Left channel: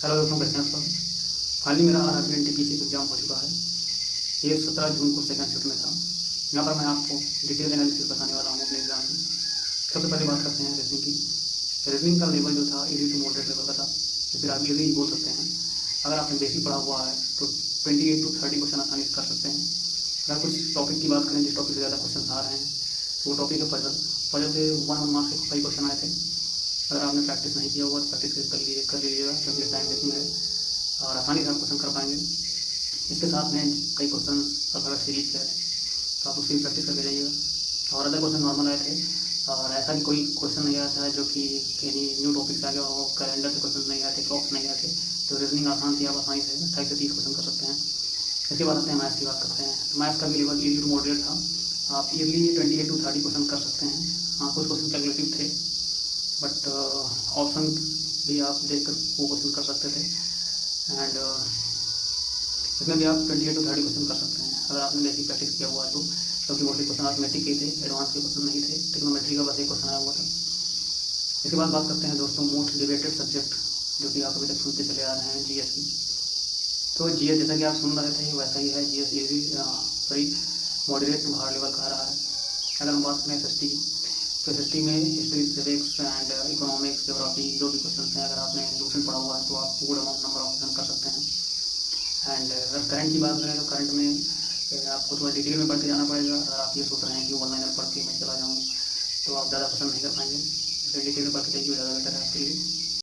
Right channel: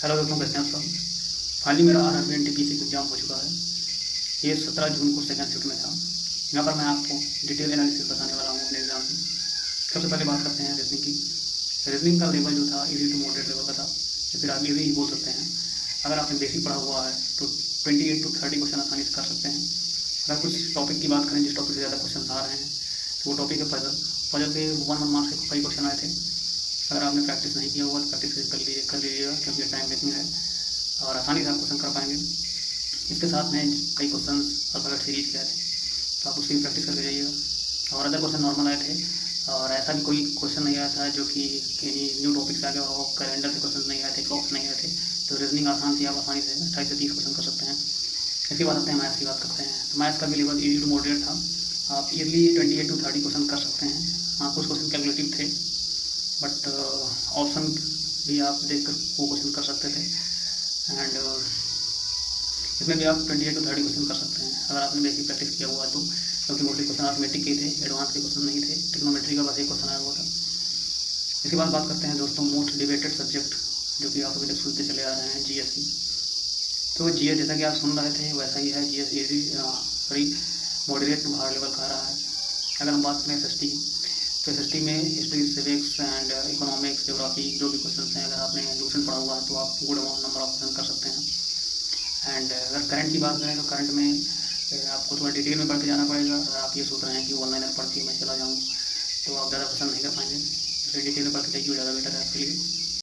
Hello दोस्तों, कैसे हैं आप सब। फाइनली मेरा आरआरबी एनटीपीसी एग्जाम हो चुका है। ये 17 जून को सेकंड शिफ्ट में था। यहाँ पर मैं आपको डिटेल एनालिसिस बताने वाला हूँ अपने एग्जाम की। सबसे पहले बात करते हैं रीजनिंग की। रीजनिंग का लेवल जो था इजी टू मॉडरेट लेवल का था, या फिर आप इजी ही बोल सकते हैं। अगर आपने बेसिक पढ़ा हुआ है तो 28 to 30 क्वेश्चन आसानी से कर सकते हैं। अगर कुछ टॉपिक की बात करें जिस टॉपिक से ज़्यादा क्वेश्चन आ रहे हैं तो वो टॉपिक है पजल। पजल से 1 मार्क्स के कई क्वेश्चन आए थे। अगर आपने प्रैक्टिस नहीं किया हुआ तो प्रैक्टिस कर लीजिएगा, क्योंकि टाइम टेकिंग है और आसानी से आप क्वेश्चन कर पाएंगे। इसके साथ में कई क्वेश्चन अल्फ़ाबेट सीरीज के आए थे, तो आप उसकी भी प्रैक्टिस करके जाइएगा। और अदर क्वेश्चन नॉर्मल आए थे, और ऐसा भी कोई क्वेश्चन नहीं आया था जो कि किसी न्यू टॉपिक से आ गया हो। कैलेंडर से क्वेश्चन नहीं आए थे, क्लॉक्स नहीं आए थे। तो रीजनिंग आसान थी, आप आसानी से 28 से 30 क्वेश्चन कर सकते हैं। इसके बाद आते हैं मैथ्स की बात करते हैं। तो मैथ्स का भी लेवल इजी टू मॉडरेट था। आप ईयरली 28 to 30 क्वेश्चन कर सकते हैं। हाँ, कुछ क्वेश्चन कैलकुलेटिव थे, बट ऑप्शन भी आप देख कर वो क्वेश्चन कर सकते थे। एंड इसमें भी आप 28 to 30 क्वेश्चन कर सकते हैं अगर आपने बेसिक प्रैक्टिस किया हुआ है तो, क्योंकि मोस्टली क्वेश्चन अर्थमेटिक के थे, एडवांस के क्वेश्चन नहीं थे। टिक्नोमेट्री का बस एक क्वेश्चन आया हुआ था। इसके बाद बात करते हैं दोस्तों मोस्ट डिबेटेड सब्जेक्ट जो कि आप अभी तक सुनते चले आ रहे हैं, जीएस की। तो जीएस जैसा कि आप सुन रहे थे वैसा ही है। GS easy sorry moderate to hard level का रहा है। अगर हम बात करें एसएसटी की, तो एसएसटी में history, civics and economics, geography जो भी क्वेश्चन हैं, अगर आपने ट्यूशन पढ़ा हुआ है तो आप good amount number of question कर सकते हैं। एंड अगर करंट की बात करें तो करंट में आपको थोड़ा डिटेल में पढ़ के जाना पड़ेगा। अगर आप ये सोच रहे हैं कि वन लाइनर पढ़ के मैं चला जाऊँ तो आप ज़्यादा पसंद नहीं कर पाएंगे। इसलिए डिटेल में पढ़ के जाइए, ज़्यादा बेटर है आपके लिए।